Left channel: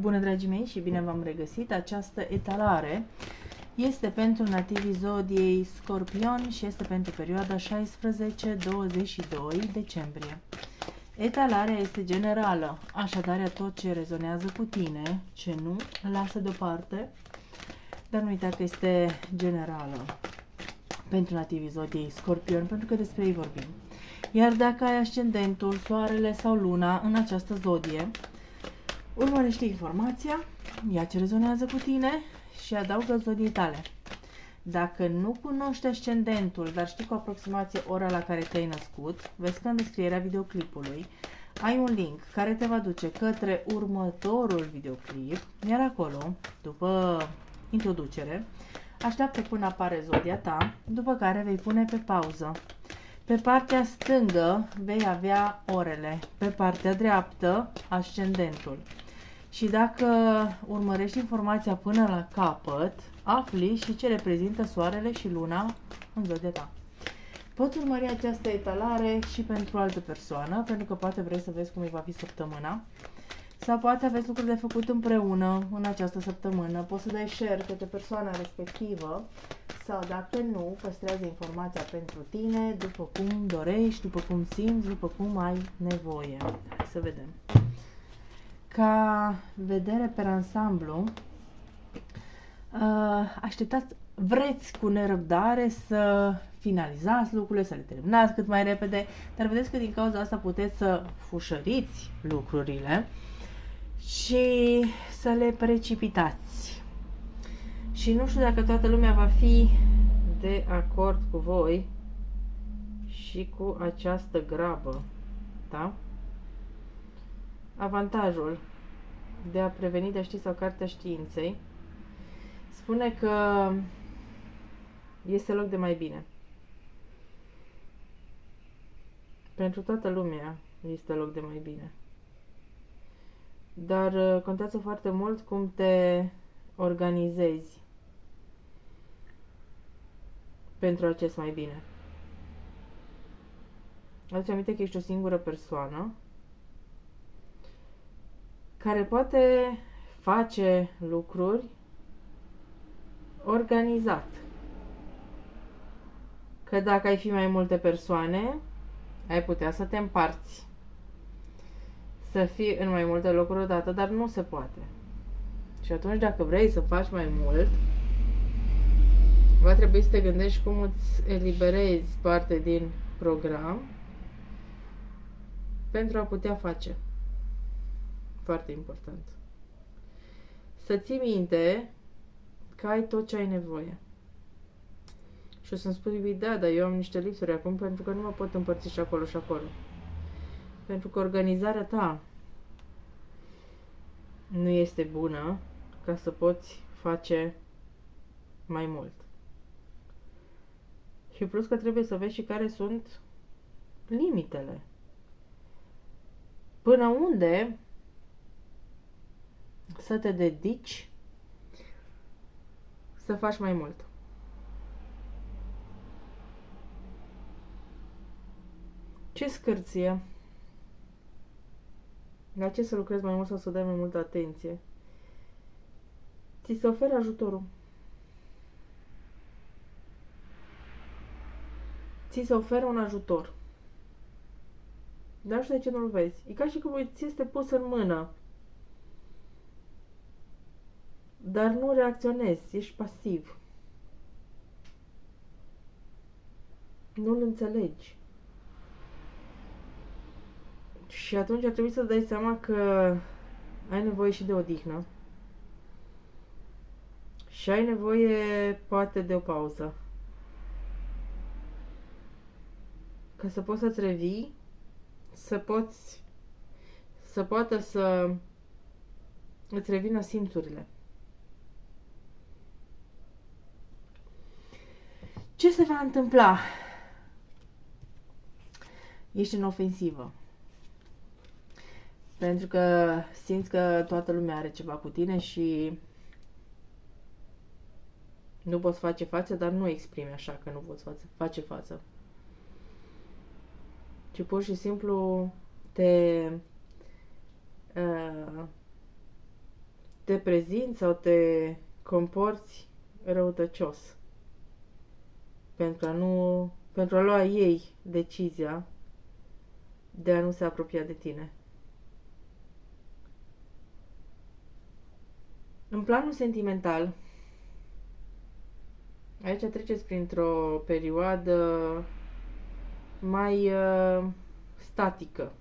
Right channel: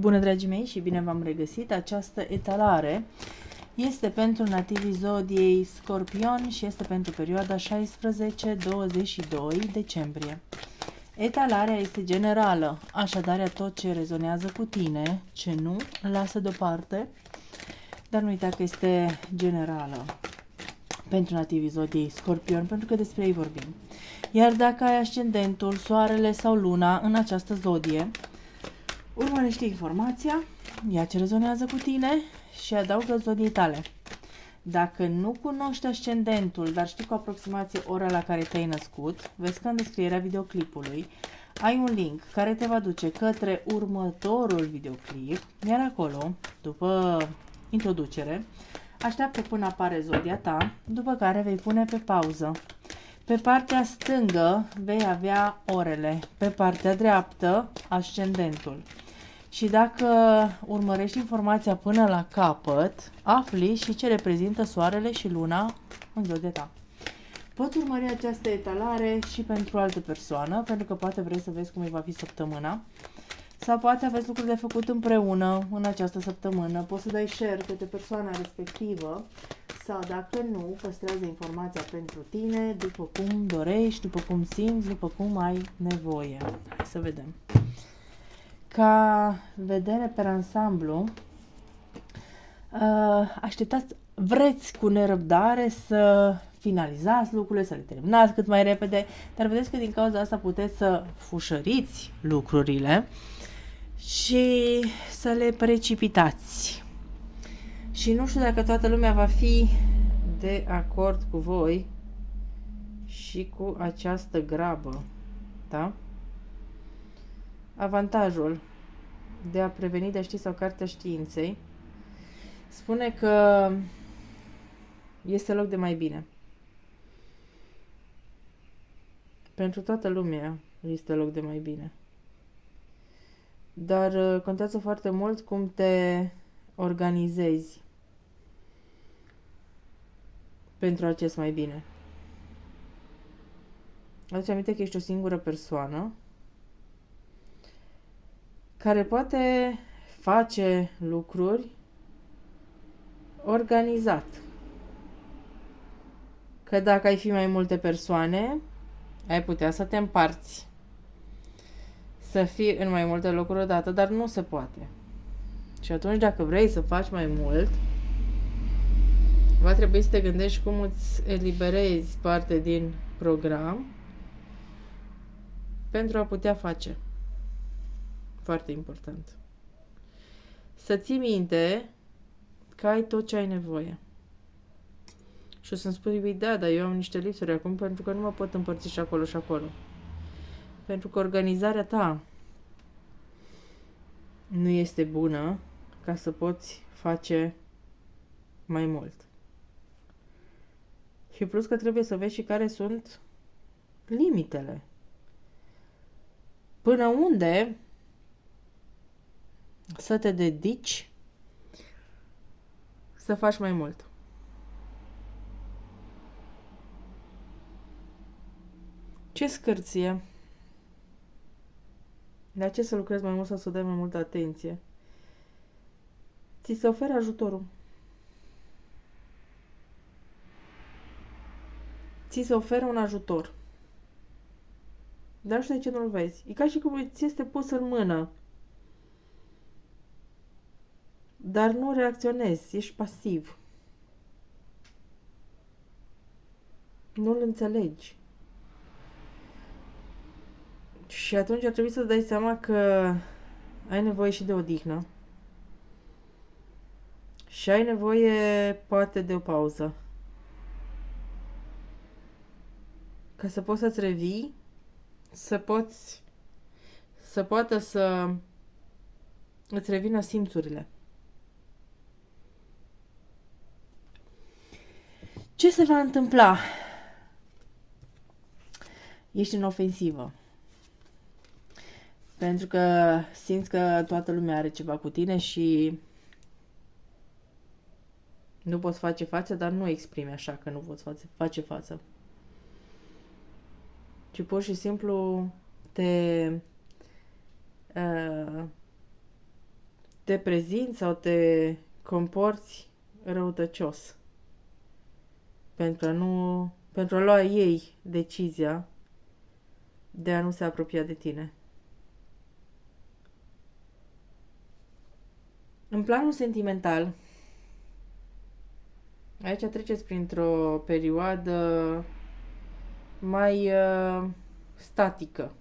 Bună, dragii mei, și bine v-am regăsit! Această etalare este pentru nativii zodiei Scorpion și este pentru perioada 16-22 decembrie. Etalarea este generală, așadar tot ce rezonează cu tine, ce nu, lasă deoparte, dar nu uita că este generală pentru nativii zodiei Scorpion, pentru că despre ei vorbim. Iar dacă ai ascendentul, soarele sau luna în această zodie, urmărește informația, ia ce rezonează cu tine și adaugă zodiei tale. Dacă nu cunoști ascendentul, dar știi cu aproximație ora la care te-ai născut, vezi că în descrierea videoclipului ai un link care te va duce către următorul videoclip, iar acolo, după introducere, așteaptă până apare zodia ta, după care vei pune pe pauză. Pe partea stângă vei avea orele, pe partea dreaptă ascendentul. Și dacă urmărești informația până la capăt, afli și ce reprezintă soarele și luna în zodia ta. Poți urmări această etalare și pentru o altă persoană, pentru că poate vrei să vezi cum îi va fi săptămâna, sau poate aveți lucruri de făcut împreună în această săptămână. Poți să dai share către persoana respectivă, sau dacă nu, păstrează informația pentru tine, după cum dorești, după cum simți, după cum ai nevoie. Hai să vedem. Ca vedere pe ansamblu, vreți cu nerăbdare să finalizați lucrurile, să le terminați cât mai repede, dar vedeți că din cauza asta puteți să fușăriți lucrurile și să le precipitați. Și nu știu dacă toată lumea va fi de acord cu voi și cu această grabă, da? Avantajul de a preveni, de a ști, sau Cartea Științei spune că este loc de mai bine. Pentru toată lumea este loc de mai bine. Dar contează foarte mult cum te organizezi pentru acest mai bine. Aduce aminte că ești o singură persoană care poate face lucruri organizat. Că dacă ai fi mai multe persoane, ai putea să te împarți, să fii în mai multe locuri odată, dar nu se poate. Și atunci, dacă vrei să faci mai mult, va trebui să te gândești cum îți eliberezi parte din program pentru a putea face. Foarte important. Să ții minte că ai tot ce ai nevoie. Și o să-mi spui, da, dar eu am niște lipsuri acum pentru că nu mă pot împărți și acolo și acolo. Pentru că organizarea ta nu este bună ca să poți face mai mult. Și plus că trebuie să vezi și care sunt limitele. Până unde să te dedici să faci mai mult. Ce scârție? La ce să lucrezi mai mult sau să dai mai multă atenție? Ți se oferă ajutorul. Ți se oferă un ajutor. Dar nu știu de ce nu-l vezi. E ca și cum ți este pus în mână. Dar nu reacționezi, ești pasiv. Nu-l înțelegi. Și atunci ar trebui să-ți dai seama că ai nevoie și de odihnă. Și ai nevoie, poate, de o pauză. Ca să poți să-ți revii, să poată să îți revină simțurile. Ce se va întâmpla? Ești în ofensivă. Pentru că simți că toată lumea are ceva cu tine și nu poți face față, dar nu exprimi așa că nu poți face față. Ci pur și simplu te te prezinți sau te comporți răutăcios pentru a lua ei decizia de a nu se apropia de tine. În planul sentimental, aici treceți printr-o perioadă mai statică.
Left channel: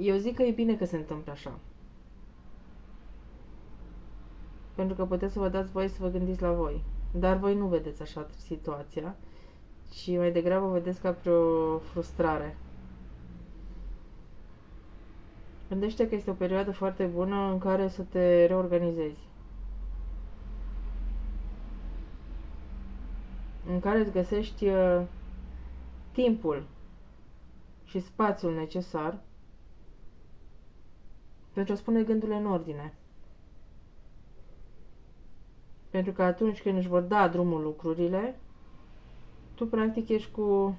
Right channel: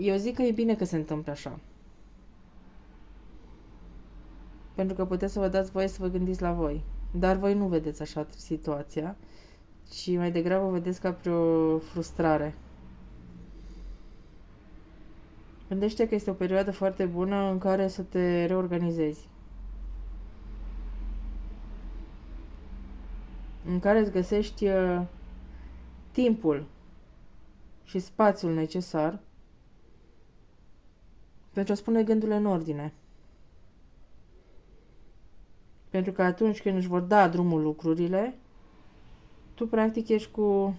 Eu zic că e bine că se întâmplă așa. Pentru că puteți să vă dați voie să vă gândiți la voi. Dar voi nu vedeți așa situația, ci mai degrabă o vedeți ca pe o frustrare. Gândește că este o perioadă foarte bună în care să te reorganizezi. În care îți găsești timpul și spațiul necesar pentru a spune gândurile în ordine. Pentru că atunci când își vor da drumul lucrurile, tu practic ești cu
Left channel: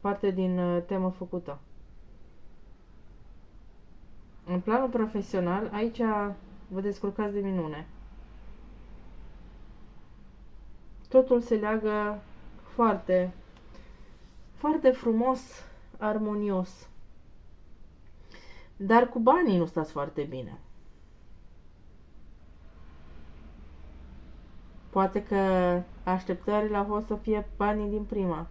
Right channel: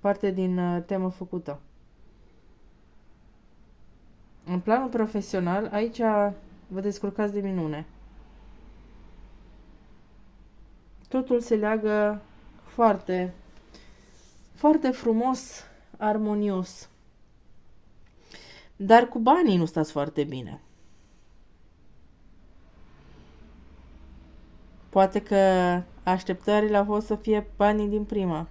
parte din temă făcută. În planul profesional, aici vă descurcați de minune. Totul se leagă foarte, foarte frumos, armonios. Dar cu banii nu stați foarte bine. Poate că așteptările au fost să fie banii din prima.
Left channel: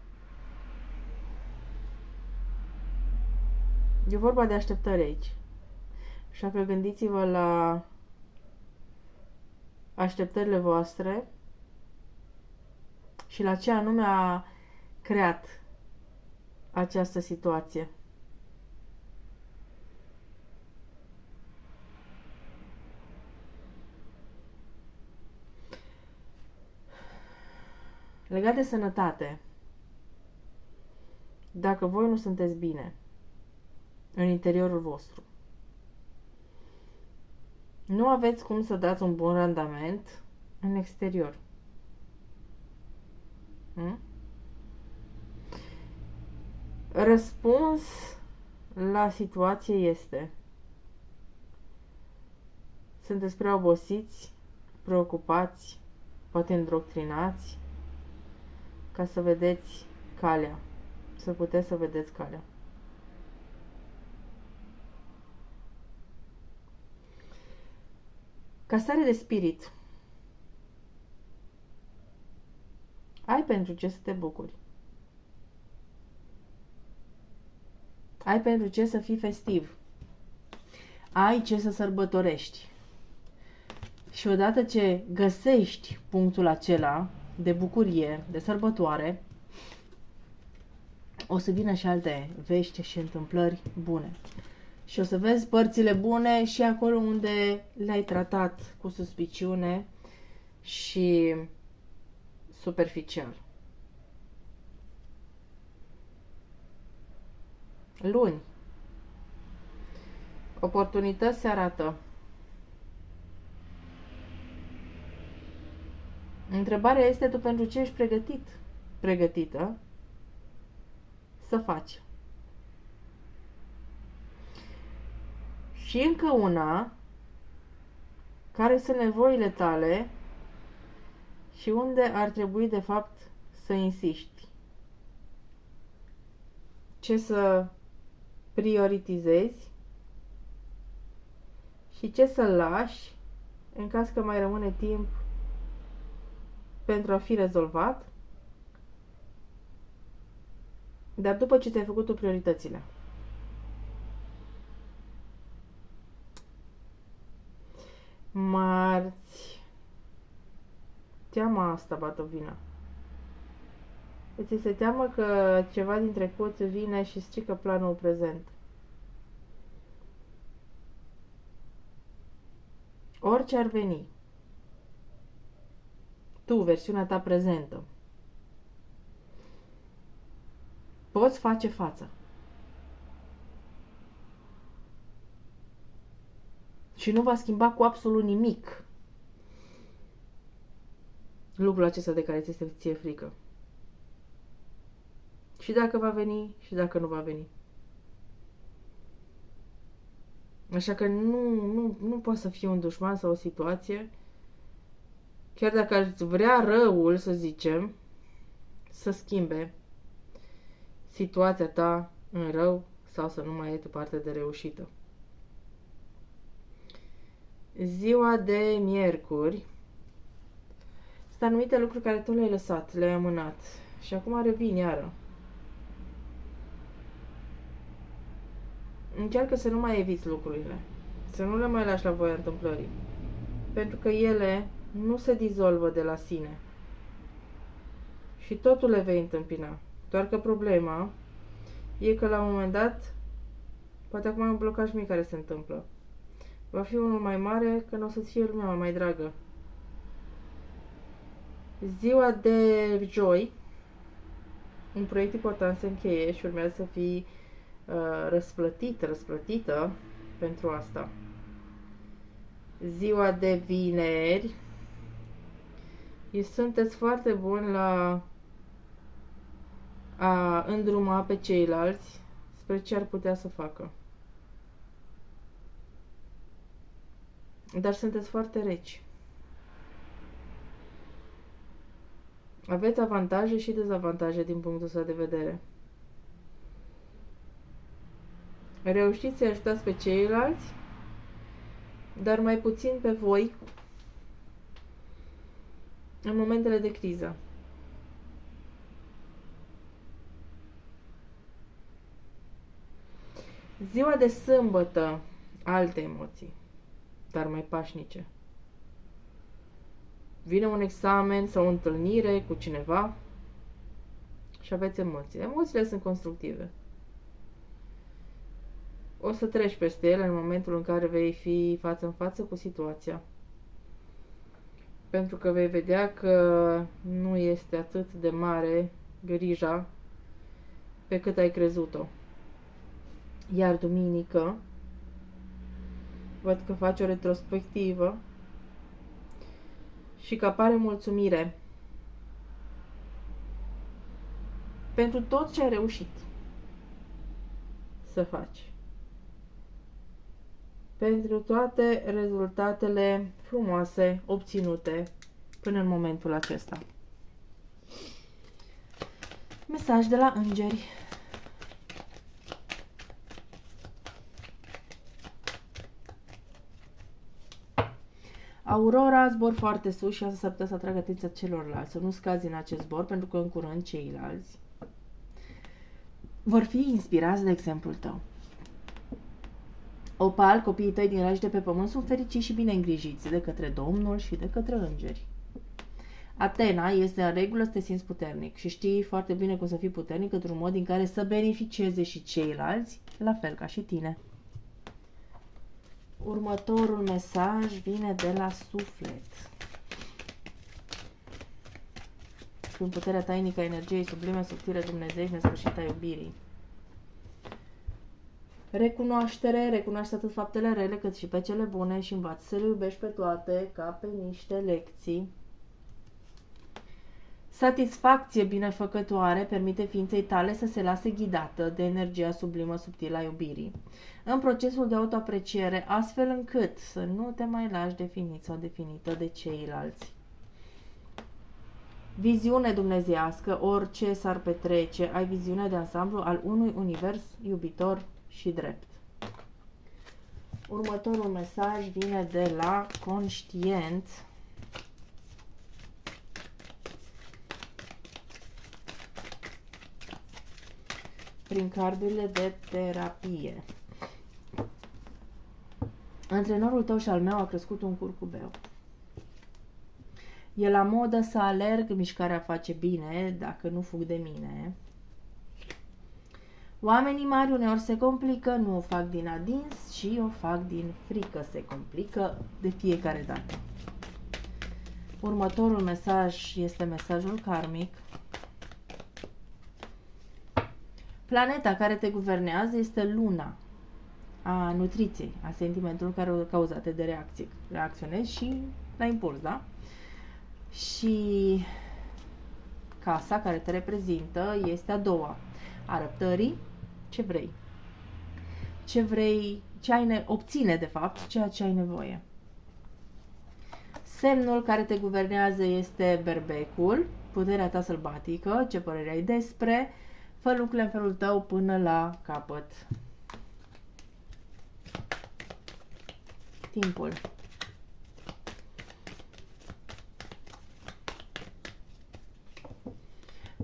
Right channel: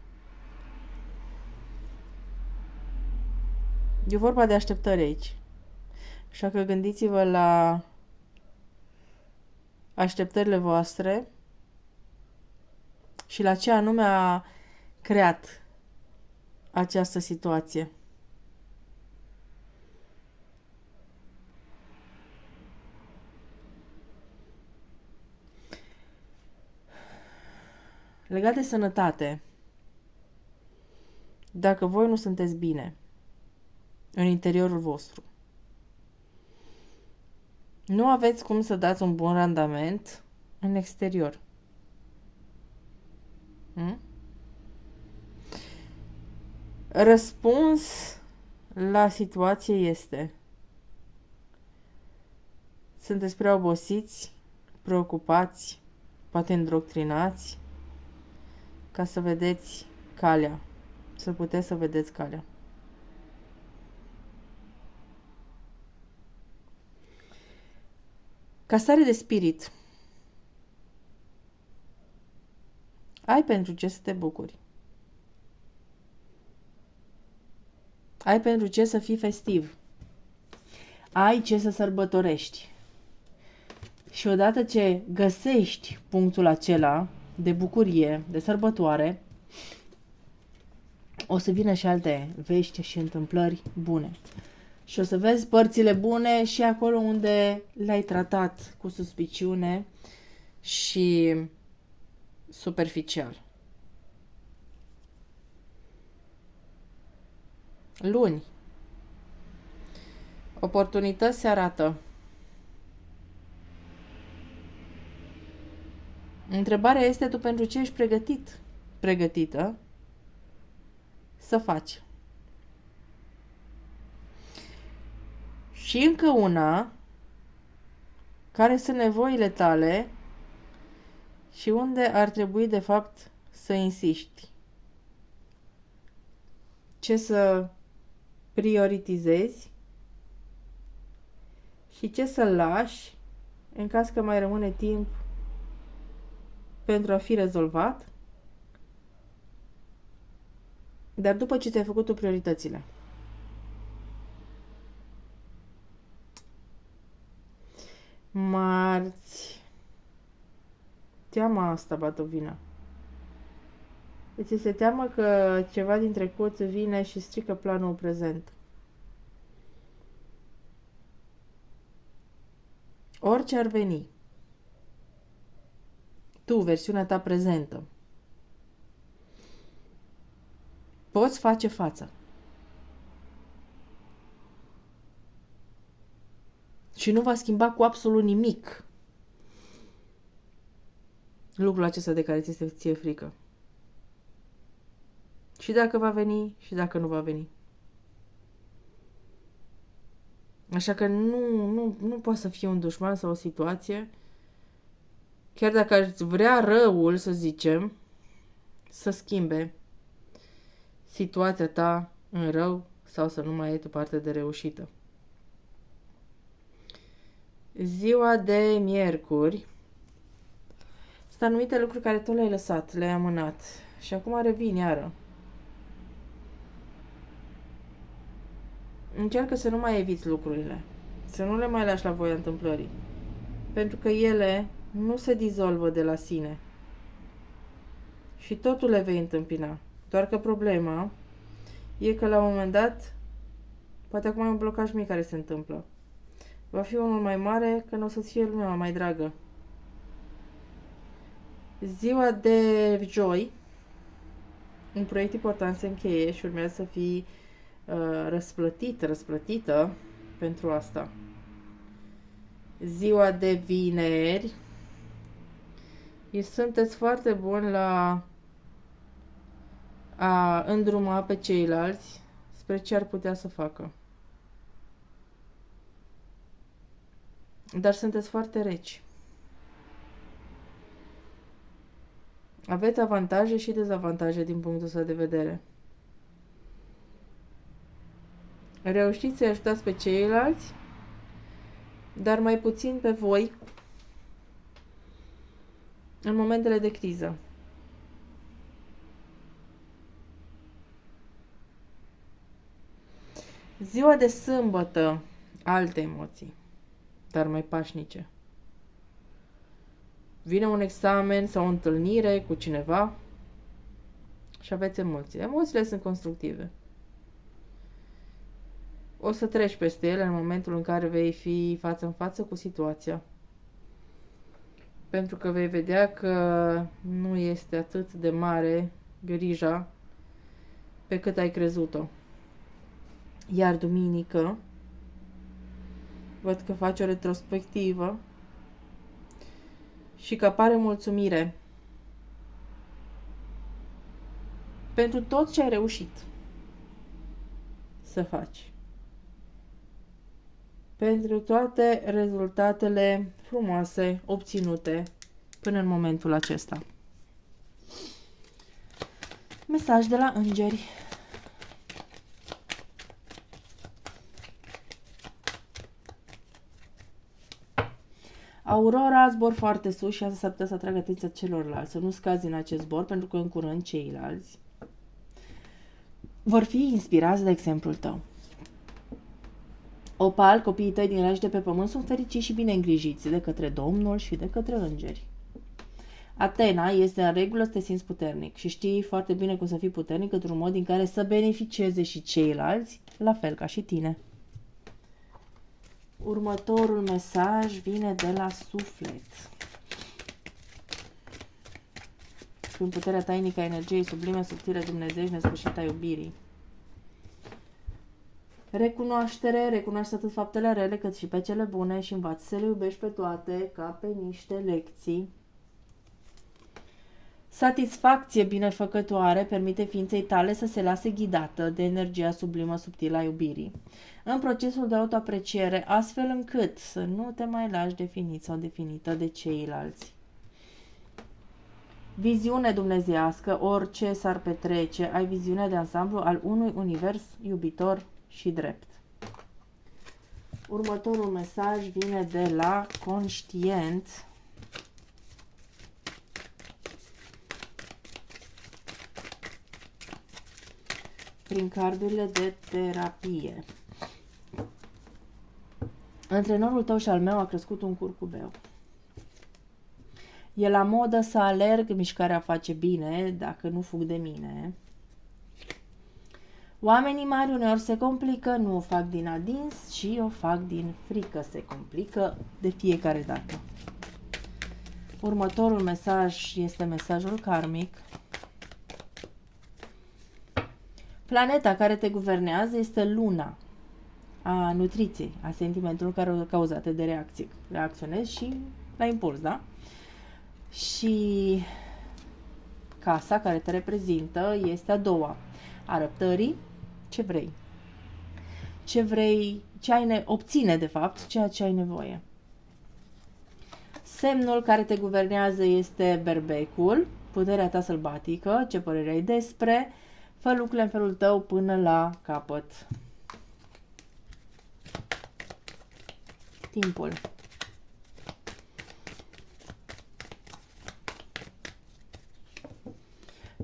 E vorba de așteptări aici. Așa că gândiți-vă la așteptările voastre și la ce anume a creat această situație. Legat de sănătate, dacă voi nu sunteți bine în interiorul vostru, nu aveți cum să dați un bun randament în exterior. Răspuns la situație este: sunteți prea obosiți, preocupați, poate îndoctrinați, ca să vedeți calea, să puteți să vedeți calea. Ca stare de spirit, ai pentru ce să te bucuri. Ai pentru ce să fii festiv. Ai ce să sărbătorești. Și odată ce găsești punctul acela de bucurie, de sărbătoare, o să vină și alte vești și întâmplări bune. Și o să vezi părțile bune și acolo unde le-ai tratat cu suspiciune și superficial. Luni. Oportunități se arată. Întrebarea este: tu pentru ce ești pregătit, pregătită să faci? Și încă una: care sunt nevoile tale și unde ar trebui de fapt să insiști? Ce să prioritizezi și ce să lași în caz că mai rămâne timp pentru a fi rezolvat, dar după ce ți-ai făcut tu prioritățile. Marți. Teama asta bate o vină. Îți este teamă că ceva din trecut vine și strică planul prezent. Orice ar veni, tu, versiunea ta prezentă, poți face față. Și nu va schimba cu absolut nimic lucrul acesta de care ți este ție frică. Și dacă va veni, și dacă nu va veni. Așa că nu poate să fie un dușman sau o situație, chiar dacă ar vrea răul, să zicem, să schimbe situația ta în rău sau să nu mai ai tu parte de reușită. Ziua de miercuri sunt anumite lucruri care tu le-ai lăsat, le-ai amânat și acum revin iară. Încearcă să nu mai eviți lucrurile, să nu le mai lași la voia întâmplării, pentru că ele nu se dizolvă de la sine și totul le vei întâmpina. Doar că problema e că la un moment dat, poate acum un blocaj mic care se întâmplă, va fi unul mai mare când o să-ți fie lumea mai dragă. Ziua de joi, un proiect important se încheie și urmează să fii răsplătită pentru asta. Ziua de vineri, sunteți foarte buni la a îndruma pe ceilalți spre ce ar putea să facă. Dar sunteți foarte reci. Aveți avantaje și dezavantaje din punctul ăsta de vedere. Reușiți să ajutați pe ceilalți, dar mai puțin pe voi în momentele de criză. Ziua de sâmbătă, alte emoții, dar mai pașnice. Vine un examen sau o întâlnire cu cineva și aveți emoții. Emoțiile sunt constructive. O să treci peste ele în momentul în care vei fi față în față cu situația. Pentru că vei vedea că nu este atât de mare grija pe cât ai crezut-o. Iar duminică, văd că faci o retrospectivă și că apare mulțumire pentru tot ce ai reușit să faci. Pentru toate rezultatele frumoase obținute până în momentul acesta. Mesaj de la îngeri. Aurora, zbor foarte sus și asta s-ar putea să atragă atenția celorlalți. Să nu scazi în acest zbor, pentru că în curând ceilalți vor fi inspirați de exemplul tău. Opal, copiii tăi din raiși de pe pământ sunt fericiți și bine îngrijiți de către Domnul și de către îngeri. Atena, este în regulă să te simți puternic și știi foarte bine cum să fii puternic într-un mod în care să beneficieze și ceilalți, la fel ca și tine. Următorul mesaj vine de la suflet. Prin puterea tainică a energiei sublime, subtile, Dumnezeu și nesfârșită a iubirii. Recunoaște atât faptele rele cât și pe cele bune și învață să le iubești pe toate ca pe niște lecții. Satisfacție binefăcătoare permite ființei tale să se lase ghidată de energia sublimă subtilă a iubirii în procesul de autoapreciere, astfel încât să nu te mai lași definit sau definită de ceilalți. Viziune dumnezeiască, orice s-ar petrece, ai viziune de ansamblu al unui univers iubitor și drept. Următorul mesaj vine de la conștient. Prin cardurile de terapie. Antrenorul tău și al meu a crescut un curcubeu. E la modă să alerg, mișcarea face bine, dacă nu fug de mine. Oamenii mari uneori se complică, nu o fac din adins, ci o fac din frică. Se complică de fiecare dată. Următorul mesaj este mesajul karmic. Planeta care te guvernează este luna a nutriției, a sentimentului care cauzate de reacții. Reacționezi și la impuls, da? Și casa care te reprezintă este a doua, a răbdării, ce vrei. ce vrei, obține de fapt ceea ce ai nevoie. Semnul care te guvernează este berbecul, puterea ta sălbatică, ce părere ai despre, fă lucrurile în felul tău până la capăt. Timpul.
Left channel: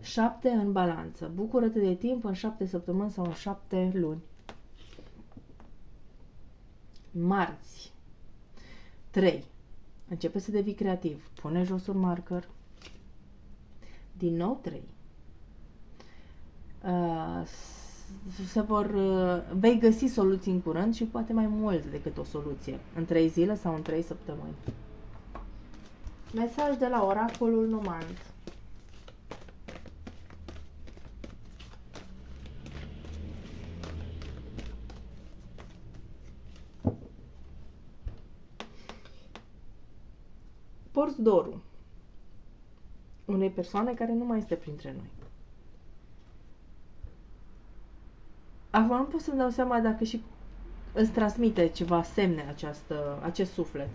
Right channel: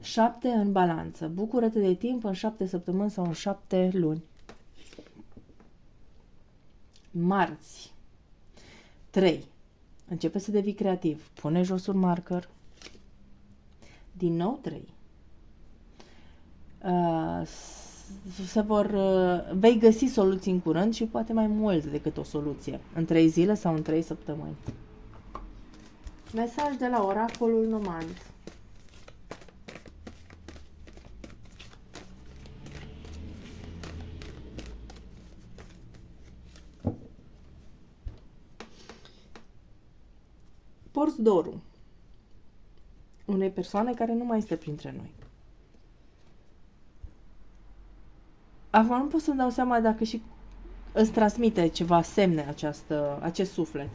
Șapte în balanță. Bucură-te de timp în 7 săptămâni sau în 7 luni. Marți. 3. Începe să devii creativ. Pune jos un marker. Din nou 3. Vei găsi soluții în curând și poate mai mult decât o soluție. În 3 zile sau în 3 săptămâni. Mesaj de la oracolul Nomand. Porți dorul unei persoane care nu mai este printre noi. Acum nu pot să-mi dau seama dacă și îți transmite ceva semne acest suflet.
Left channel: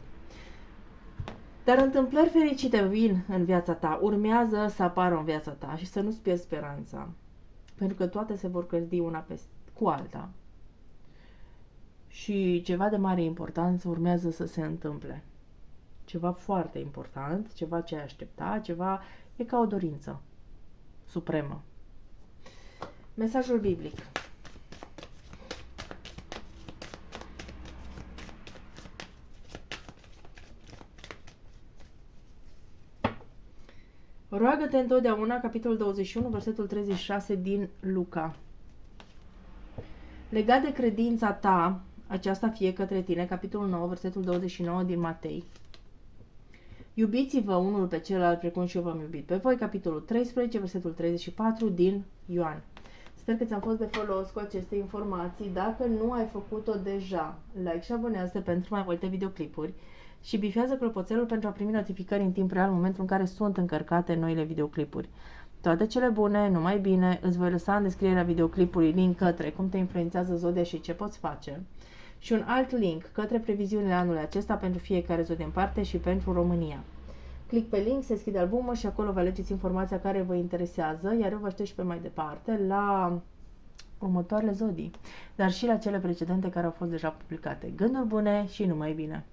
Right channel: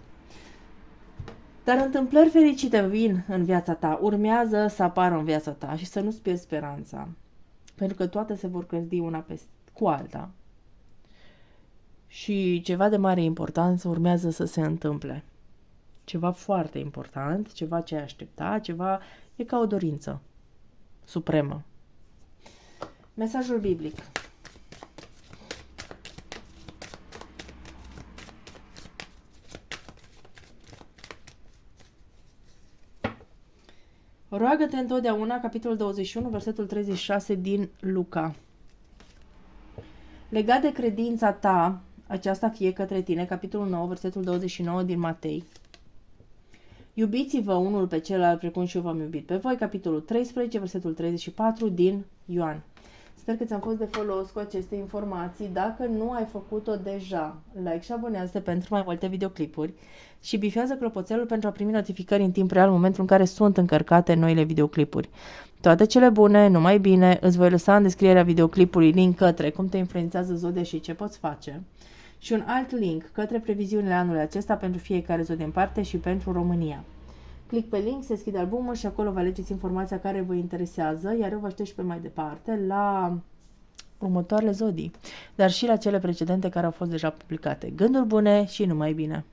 Dar întâmplări fericite vin în viața ta, urmează să apară în viața ta și să nu-ți pierzi speranța. Pentru că toate se vor clădi una cu alta. Și ceva de mare importanță urmează să se întâmple. Ceva foarte important, ceva ce ai aștepta, ceva e ca o dorință supremă. Mesajul biblic. Roagă-te întotdeauna, capitolul 21, versetul 36 din Luca. Legat de credința ta, aceasta fie către tine, capitolul 9, versetul 29 din Matei. Iubiți-vă unul pe celălalt precum și eu v-am iubit pe voi, capitolul 13, versetul 34 din Ioan. Sper că ți-am fost de folos cu aceste informații. Dacă nu ai făcut-o deja, like și abonează pentru mai multe videoclipuri și bifează clopoțelul pentru a primi notificări în timp real în momentul în care sunt încărcate noile videoclipuri. Toate cele bune, numai bine, îți voi lăsa în descrierea videoclipului link către cum te influențează zodia și ce poți face și un alt link către previziunile anului acesta pentru fiecare zodie în parte și pentru România. Click pe link, se deschide albumul și acolo vă alegeți informația care vă interesează, iar eu vă aștept și pe mai departe la următoarele zodii, dar și la cele precedente care au fost deja publicate. Gânduri bune și numai bine!